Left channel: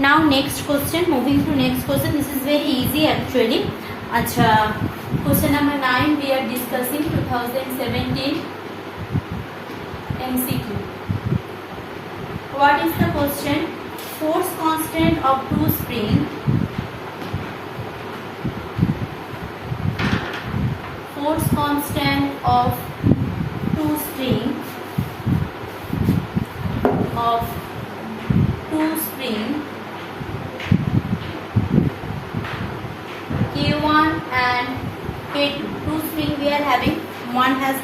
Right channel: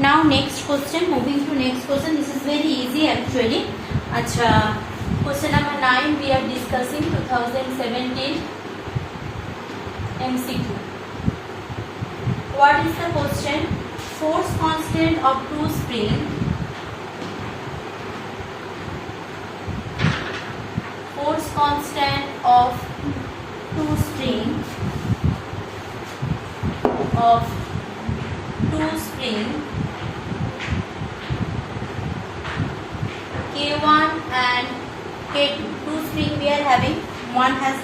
Now next question, moving to next question. This is very easy actually. Acha, question number 9 we are discussing 2017 MCQ. What is the question? Force constant of two spring. Force constant of two spring K1 and K2. Two spring we are having. One has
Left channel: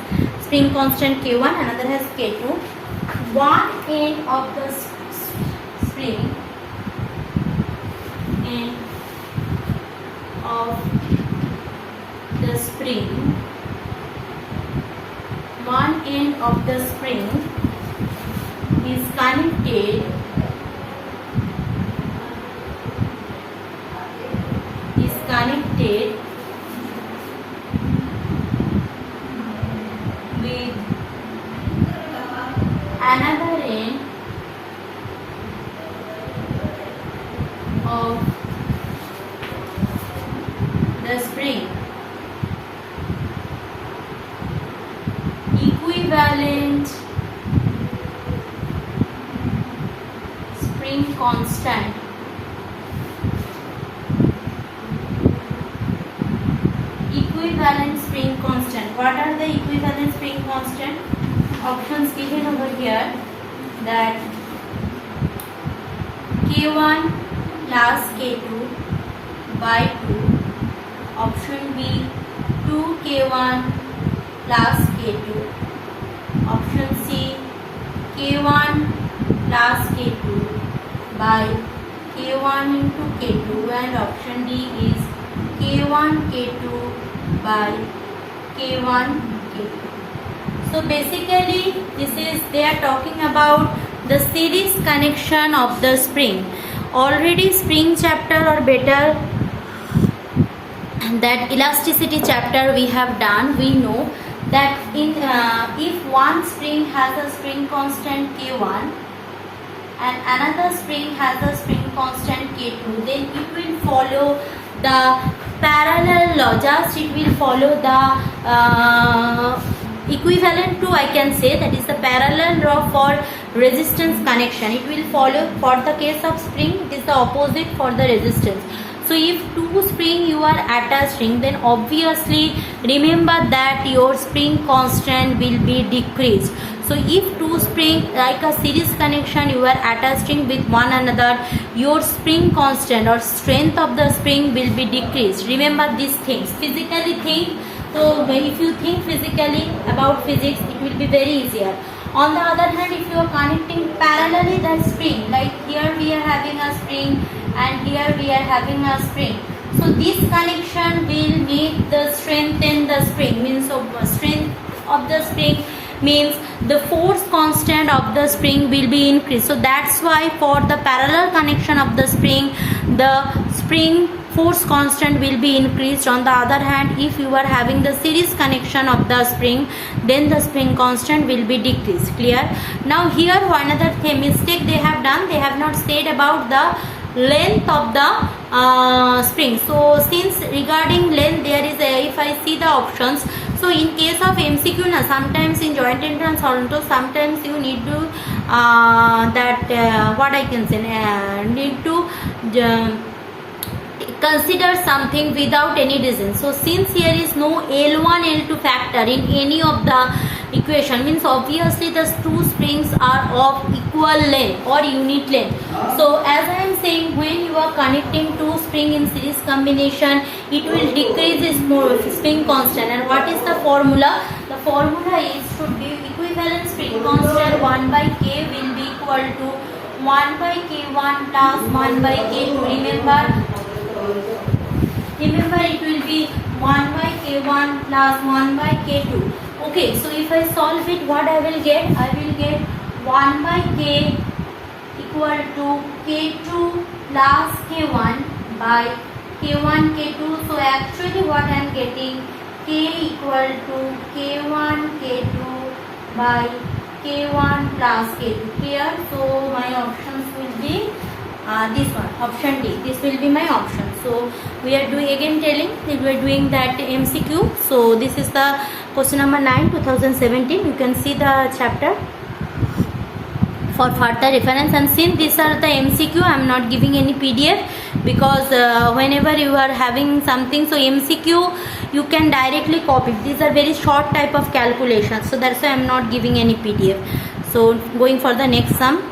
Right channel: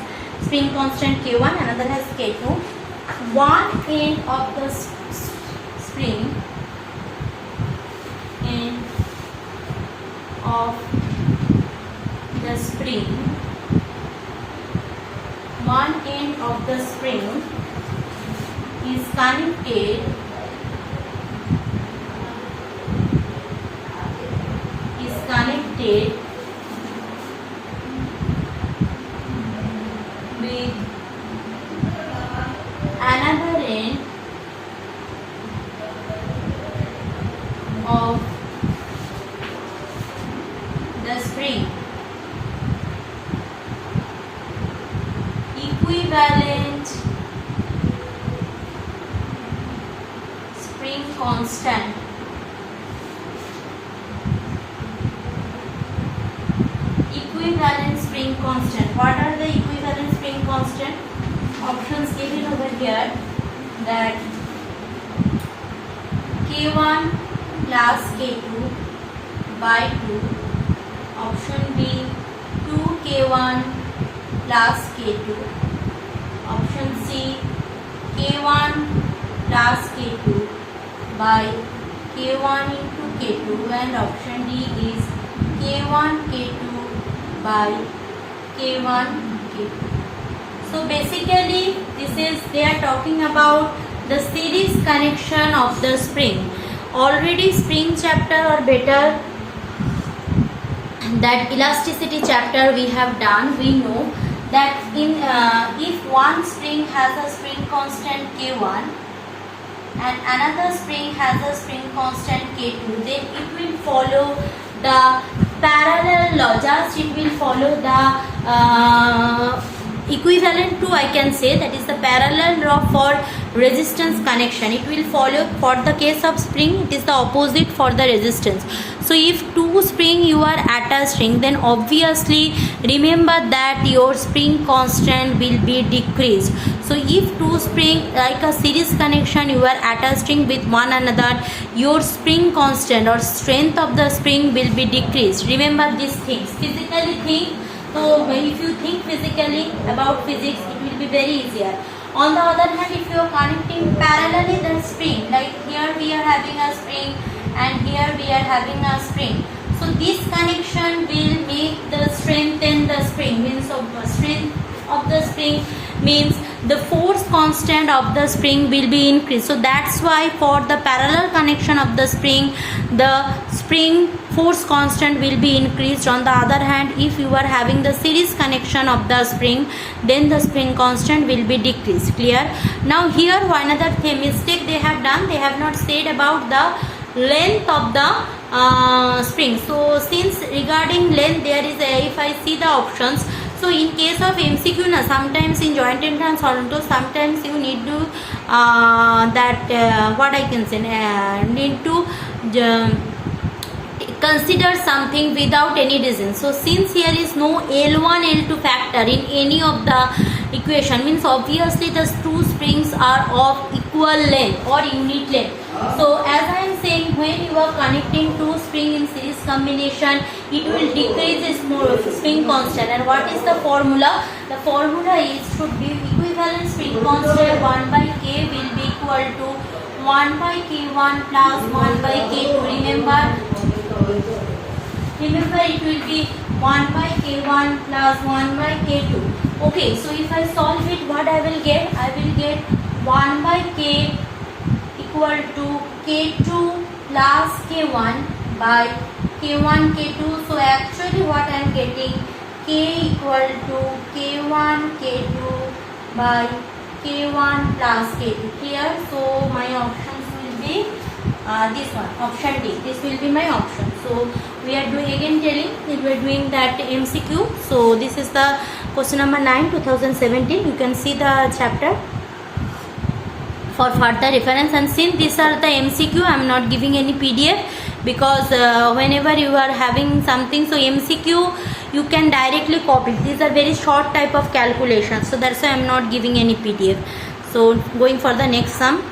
spring constant K1, another has K2. One end of the spring, one end of the spring is connected with another end of the spring. Equivalent spring constant. Equivalent spring constant. What are the equivalent spring constant? Options given over here, that K1 plus K2 by 2. Option B, 2K1 plus K2. Option C, K1 plus K2 by K1 into K2, and option D is K1 K2 by K1 K2. So basically they are talking about the series connection of the spring. Already spring chapter or better that elasticity chapter we have done. We know that in if one spring has a spring constant K1 and another spring has a spring constant K2, then it will follow the parallel law. Just it will follow the equivalent to, I can say, that is the parallel law for resistance connection. It will follow for the case of spring. It is the opposite for the resistance. So if two spring you are attaching, then obviously remember that your spring constant will be decreased. So if two spring like a series connection you are attaching with one another, your spring constant or strength of the spring will be decreased. Remember these things. Physically think. So if you think physically about physics, it will be very easier. On the other hand, if you are connecting parallelly that spring, like here we are having a spring and here we are having a spring. So this connection will make the strengthen the spring, means of the strength of the spring means the force constant of the spring will be increased. So that's why for the parallel connection of the spring force constant will be increased. On the other hand, if you are having the series connection of the spring, then the spring constant will be decreased. Clear? Now here another mistake they have done. They have not said about the length of the spring. So since regarding length there is a, if I see the options, so in case of MCQ na, sometimes in joint entrance also sometimes you need to what I can say, need to consider something without any reason. So since here is no L1 L2 factor in any of the equation, means obviously the two springs are of equal length or unit length. So as I am saying, when you are connecting two spring in series combination, it will decrease its spring constant. And what is the formula? The formula is should be equivalent spring constant 1 by K will be equal to 1 by K1 plus 1 by K2. Remember it will be 1 by K1 plus 1 by K2. Okay, so if I solve it, what I will get? I will get 1 by K equal to K2 plus K1 by K1 K2. So actually what I am getting, K equal to K1 K2 by K1 plus K2. Clear? So my options will be this one, option D. This will be my option. So we are doing again telling we are doing that MCQ. So this is the question number 9, 2017. You can see the chapter for further reference, and since these are the MCQ, I am not giving any PDF because whenever you are having something, so MCQ you can directly copy. These are very short type of calculations, so that's why I am not giving any PDF. So going for the next sum.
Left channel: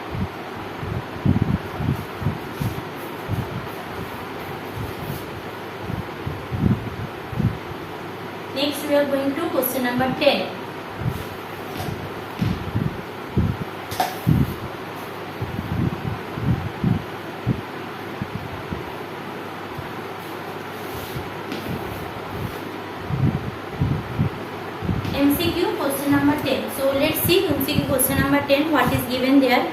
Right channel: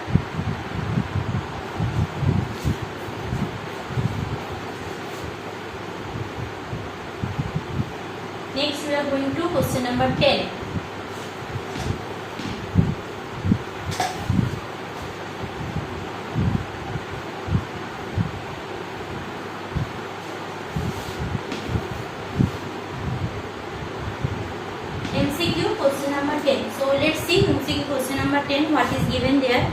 Next we are going to question number 10. MCQ question number 10. So let's see MCQ question number 10, what is given there.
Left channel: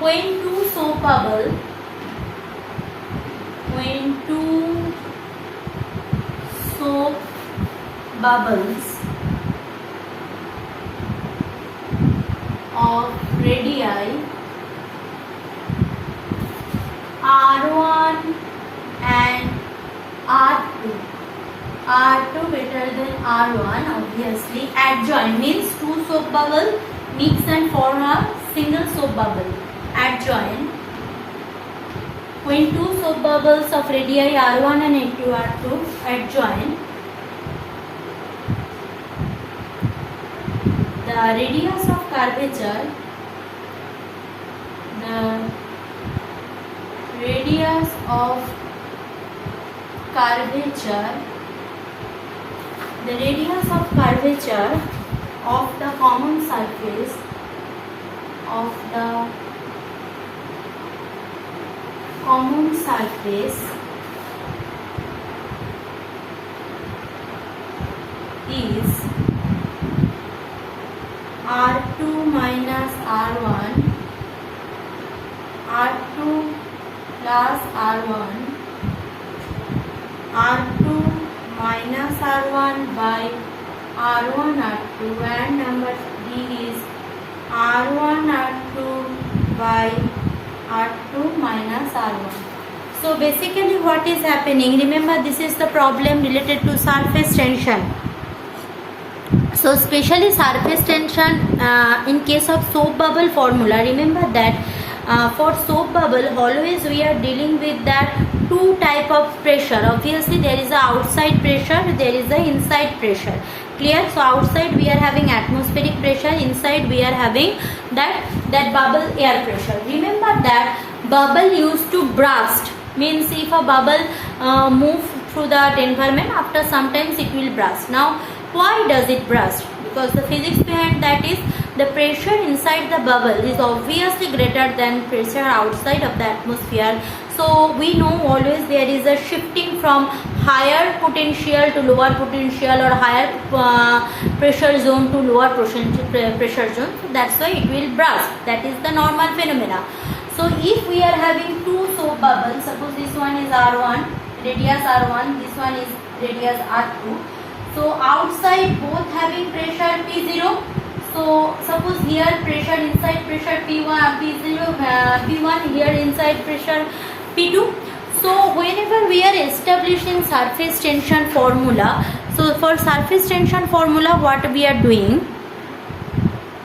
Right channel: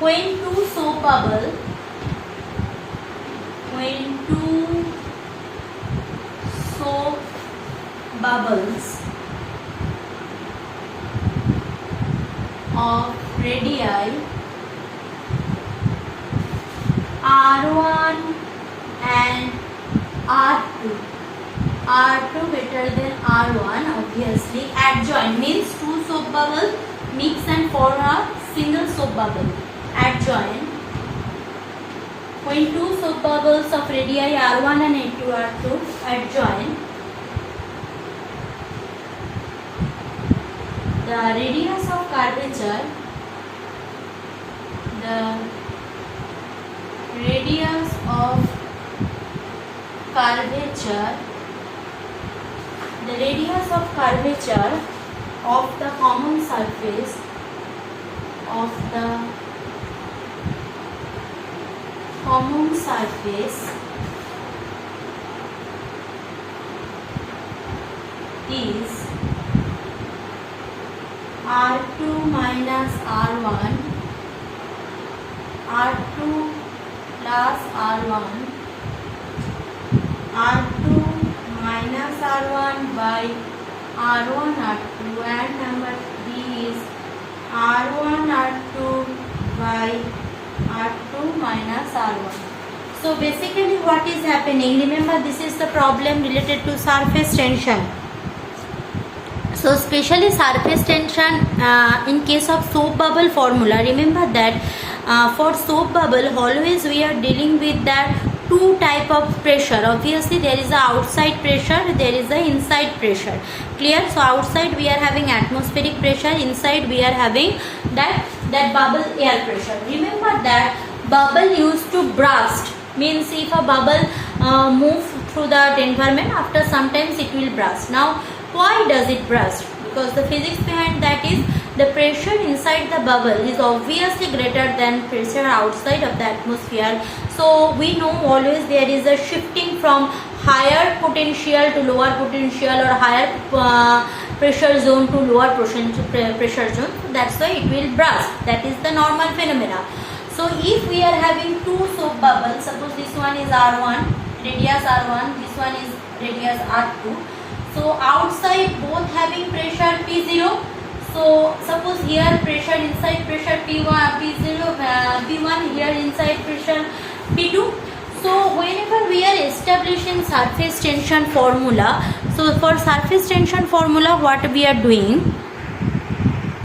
When two soap bubbles of radii R1 and R2 greater than R1, obviously adjoin, means two soap bubble mix and form a single soap bubble. Adjoin. When two soap bubbles of radii R1 and R2 adjoin, the radius of curvature of the common surface is R2 minus R1, R2 plus R1, R2 minus R1 by R1 R2, and number D is R1 R2 by R2 minus R1. So basically what is happening, remember this is the problem related to surface tension. So especially surface tension in case of soap bubble formula, remember that for soap bubble always we are dealing with that two type of pressure. Obviously there is a outside pressure, there is a inside pressure. Clear? So outside we are having atmospheric pressure, inside we are having that bubble air pressure. Remember that bubble used to burst, means if a bubble move through the environment, after sometimes it will burst. Now why does it burst? Because the physics behind that is the pressure inside the bubble is obviously greater than pressure outside of the atmosphere. So we know always there is a shifting from higher potential to lower potential, or higher pressure zone to lower pressure zone. So that's why it will burst. That is the normal phenomena. So if we are having two soap bubbles, suppose this one is R1, radius R1, this one is radius R2. So outside both having pressure P0. So suppose here pressure inside pressure P1, P1, here inside pressure P2. So whenever we are establishing surface tension formula, so for surface tension formula what we are doing,